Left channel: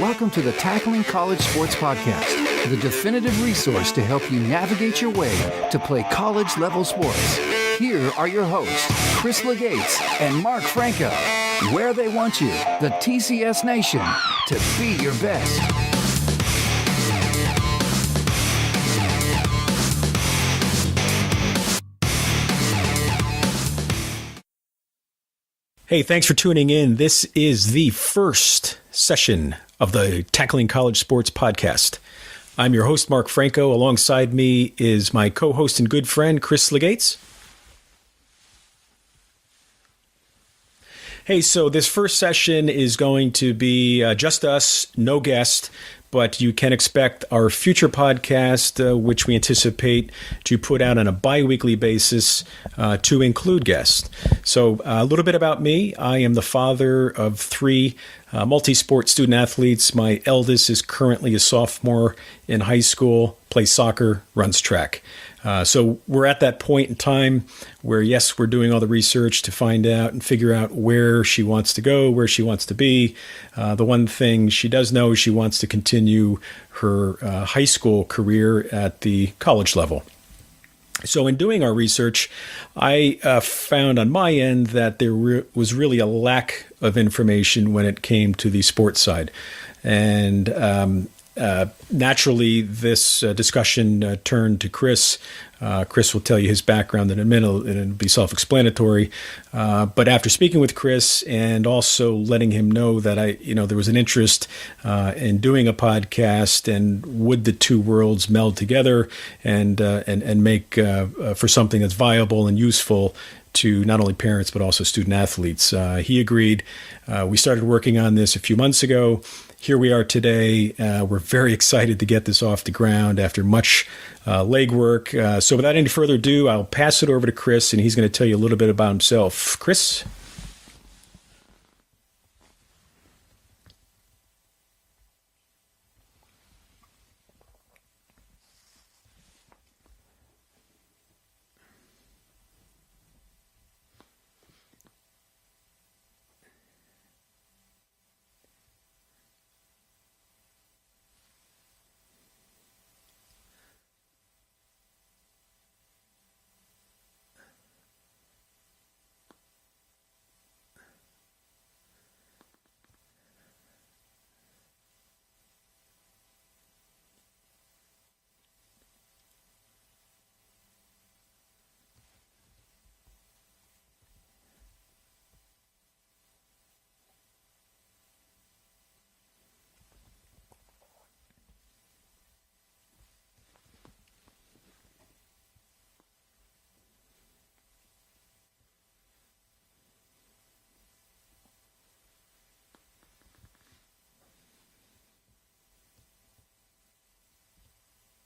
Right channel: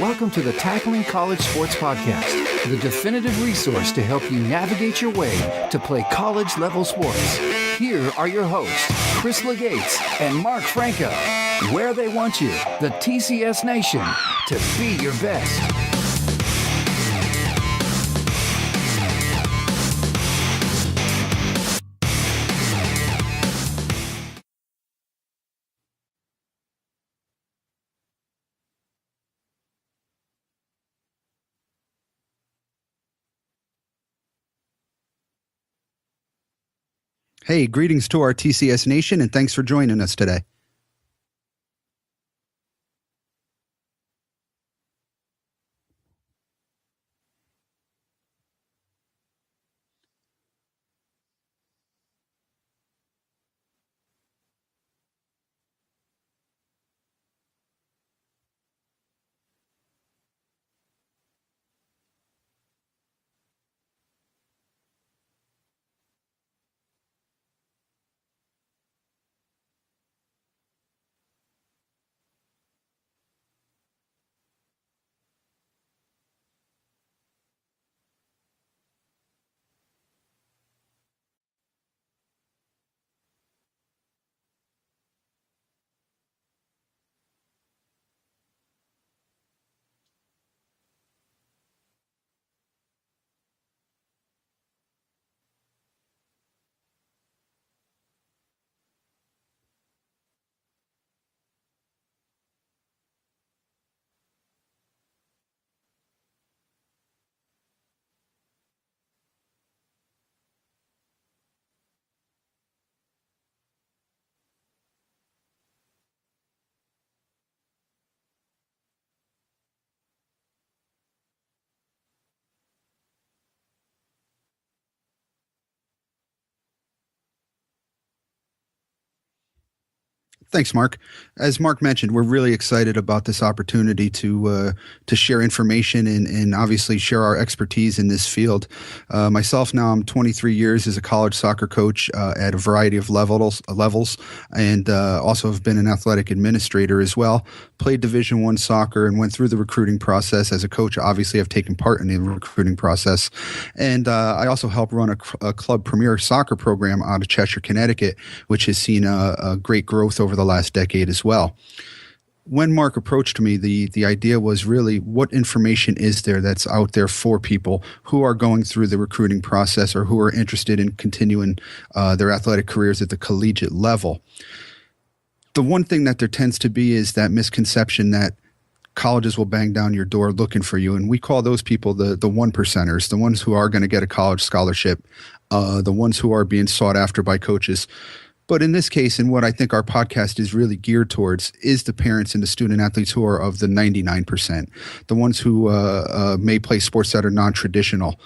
Welcome to the Tackling College Sports Podcast, the definitive resource to help you navigate your way to play college-level sports. Here are your hosts, Chris LeGates and Mark Franco, where they want you, the TCS Nation, to be your best. Hey, thanks for tuning in. This is the first session of the Tackling College Sports Podcast. I'm your host, Mark Franco. Alongside me is my co-host and good friend, Chris LeGates. Hey, greetings to our TCS Nation, and thanks for joining us today. Hey, so this first session is going to be just us, no guest, but you can expect our future podcast, which we anticipate to put out on a bi-weekly basis to include guests. So a little bit about me. I am the father of three multi-sport student athletes. My eldest is currently a sophomore in high school, plays soccer, runs track. So we're at that point in time where, yes, we're doing all the research to find out and figure out where she wants to go, where she wants to be. The one thing she does know is she wants to continue her high school career at the college level. So in doing our research, I found on my end that there was really a lack of information when it came to the sports side. And naturally, this discussion turned to Chris. Chris will tell you his background in a minute, and it'll be self-explanatory. But after speaking with Chris and also letting him know that there was an interest in doing a podcast, and would the two worlds meld together and make for something that's viable and useful to not only parents but also student athletes, he agreed. We started working on this a few months ago. Here we are today. We're very excited to get this off the ground after much legwork. So without any further ado, I'll pass it over to Chris, and he's going to tell you a little bit about himself. Chris? Thanks, Mark. As Mark mentioned, we're really excited about this opportunity to share information and obviously share our expertise in this field. Myself, now I'm 23 years as a college soccer coach at a variety of levels, and also have been an athletic administrator as well. Played Division I soccer and went through the recruiting process. As a coach, obviously, I've taken part in the recruiting process. And I also help run a club premier soccer program out of Cheshire, Connecticut, which has seen a great growth over the last decade as well. When Mark approached me, the idea was really, what information is there that's out there for people who are going through the recruiting process or who are interested in continuing their athletic careers at the collegiate level? The one thing that there tends to be is that misconception that colleges will bang down your door looking for you. And we call those people the one percenters, the ones who are going to get a college scholarship, the ones who are being sought after by coaches. But in this case, and what I think our podcast is really geared towards, is the parents and the student athletes who are of the 99%, the ones who may play sports that are non-traditional,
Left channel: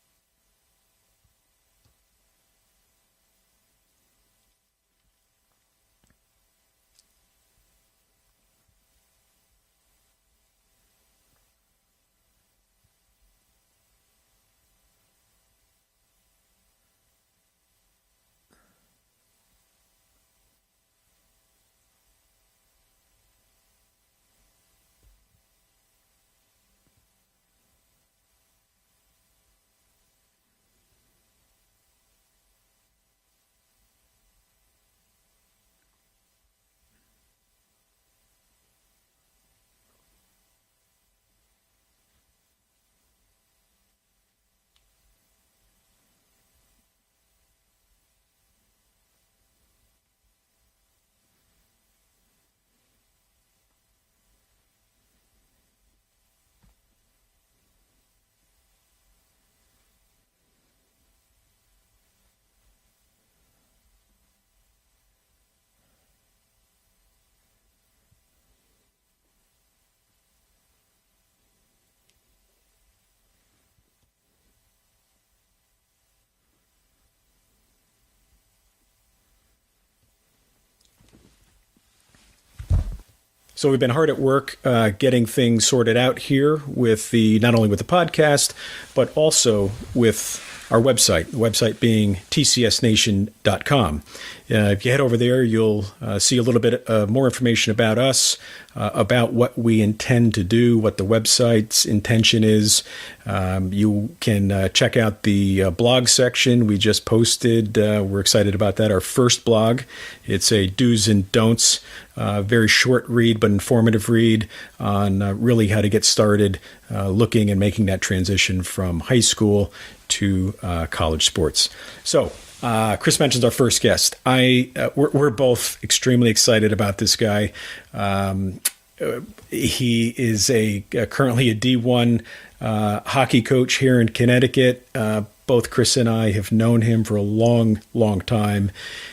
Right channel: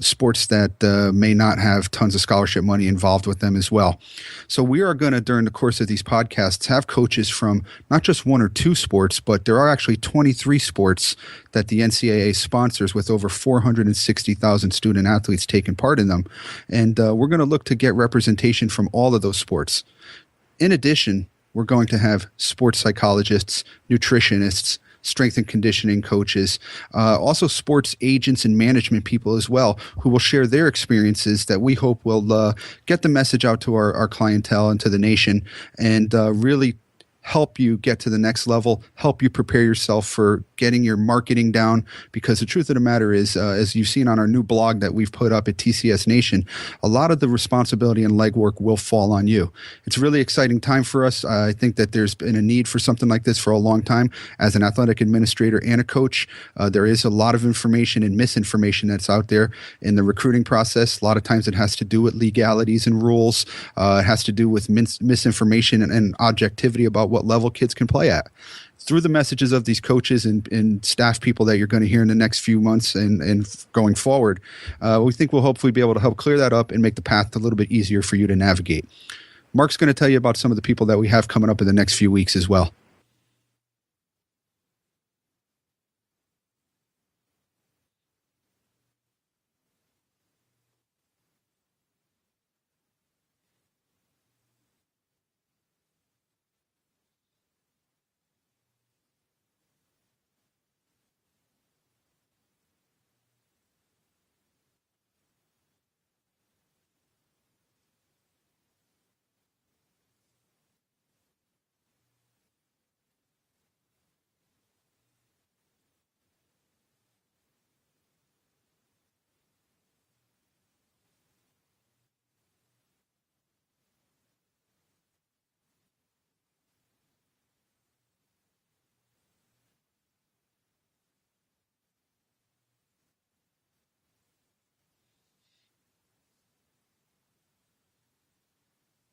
sports that may not have tons of scholarship money involved with them as well. So we are going to, during the course of these podcasts, have coaches from not just one or two sports, but there are actually 23 sports that the NCAA sponsors, with over 460,000 student athletes taking part in them. And we're going to look to get representation from all of those sports. In addition, we're going to have sports psychologists, nutritionists, strength and conditioning coaches, also sports agents and management people as well, who will share their experiences that we hope will get the message out to our clientele and to the nation, and really help you get to the next level, help you prepare yourself for getting your marketing down, because the truth of the matter is, as you've seen on our new blog that we've put up at TCS Nation, a lot of the responsibility and legwork will fall on you. It's a really exciting time for us. I think that there's been a need for something like this for a long time. As an athletic administrator and a coach, there is a lot of information and misinformation that's out there in the recruiting process. A lot of times it has to do with legalities and rules. It has to do with misinformation and objectivity about what level kids can play at. Through the messages of these coaches and staff people that you're going to hear in the next few months and going forward, we think we'll hopefully be able to help clear that up and make the path a little bit easier for you to navigate. Mark's going to tell you about some of the people that we have coming up in the next few weeks as well. So we've been hard at work getting things sorted out here with not only with the podcast, but also with our website, the website being tcsnation.com. If you head over there, you'll see a little bit more information about us, about what we intend to do, what the website's intention is. You can check out the blog section we just posted. We're excited about that. Our first blog. It's a do's and don'ts, very short read but informative read on really how to get started looking and making that transition from high school to college sports. So Chris mentions our first guest. We're both extremely excited about this guy. He is currently a D1 hockey coach here in Connecticut. Both Chris and I have known him for a long, long time.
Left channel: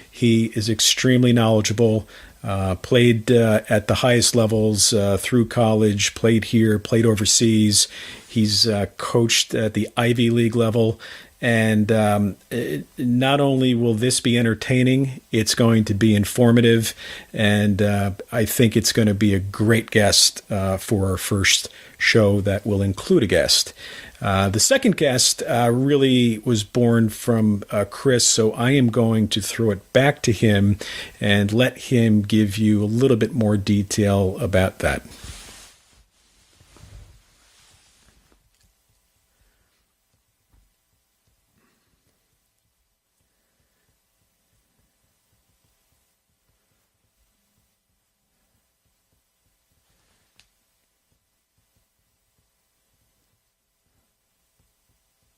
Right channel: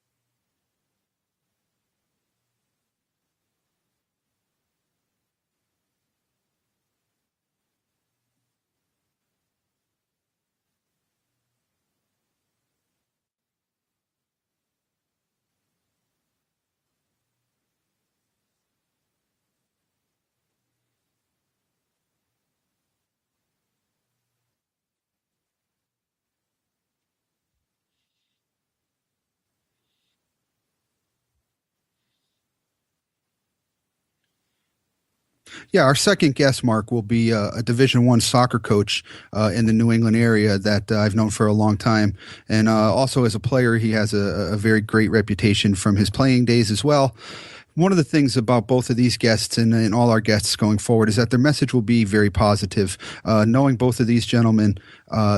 He is extremely knowledgeable, played at the highest levels through college, played here, played overseas. He's coached at the Ivy League level. And not only will this be entertaining, it's going to be informative. And I think it's going to be a great guest for our first show that will include a guest. The second guest really was born from Chris, so I am going to throw it back to him and let him give you a little bit more detail about that. Yeah, our second guest, Mark, will be a Division I soccer coach in the New England area that I've known for a long time. And also as a player, he has a very great reputation from his playing days as well. One of the things about both of these guests and all our guests going forward is that their message will be very positive. Knowing both of these gentlemen,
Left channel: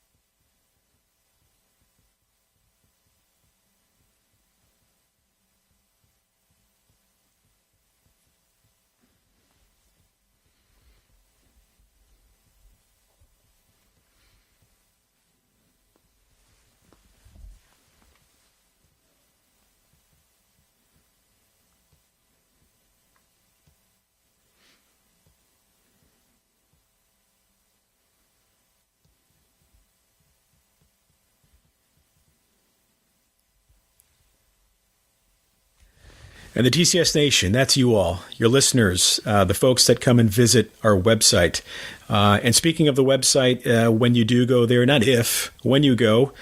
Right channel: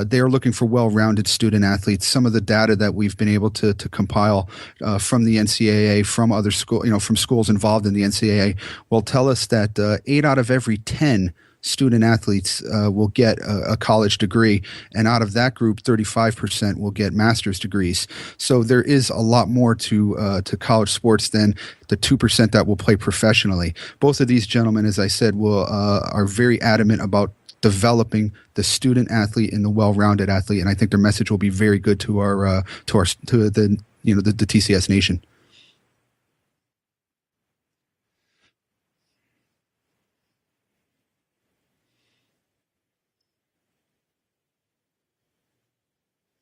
they are looking for well-rounded student athletes. Some of the data that we've been able to compile from the NCAA, from other from schools involved in the NCAA, will tell us that 8 out of every 10 student athletes will get a college degree, and out of that group, 35% will get master's degrees. So there is a lot more to college sports than the 2% that will play professionally. Both of these gentlemen, as I said, are very adamant about developing the student athlete and the well-rounded athlete, and I think their message will be very good to the TCS Nation. And the TCS Nation, that's you all, your listeners, the folks that come and visit our website. And speaking of the website, when you do go there, not if, when you go,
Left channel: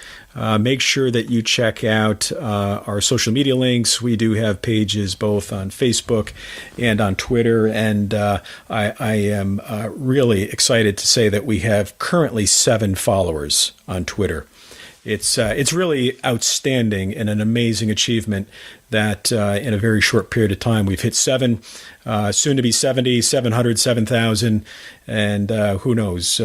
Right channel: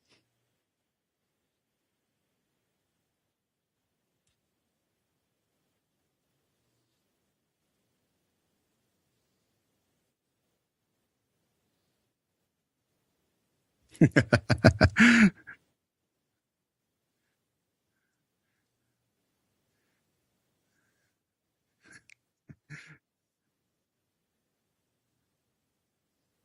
make sure that you check out our social media links. We do have pages both on Facebook and on Twitter. And I am really excited to say that we have currently 7 followers on Twitter. It's really outstanding and an amazing achievement that in a very short period of time we've hit 7, soon to be 70, 700, 7,000, and who knows,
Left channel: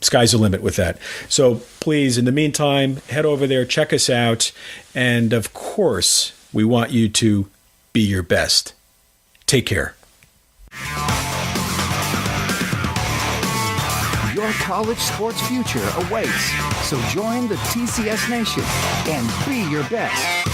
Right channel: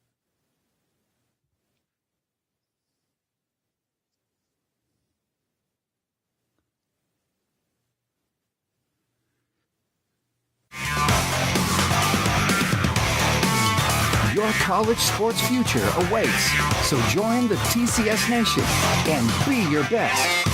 sky's the limit with that. So please, in the meantime, head over there, check us out, and of course, we want you to be your best. Take care. Your college sports future awaits, so join the TCS Nation and be your best.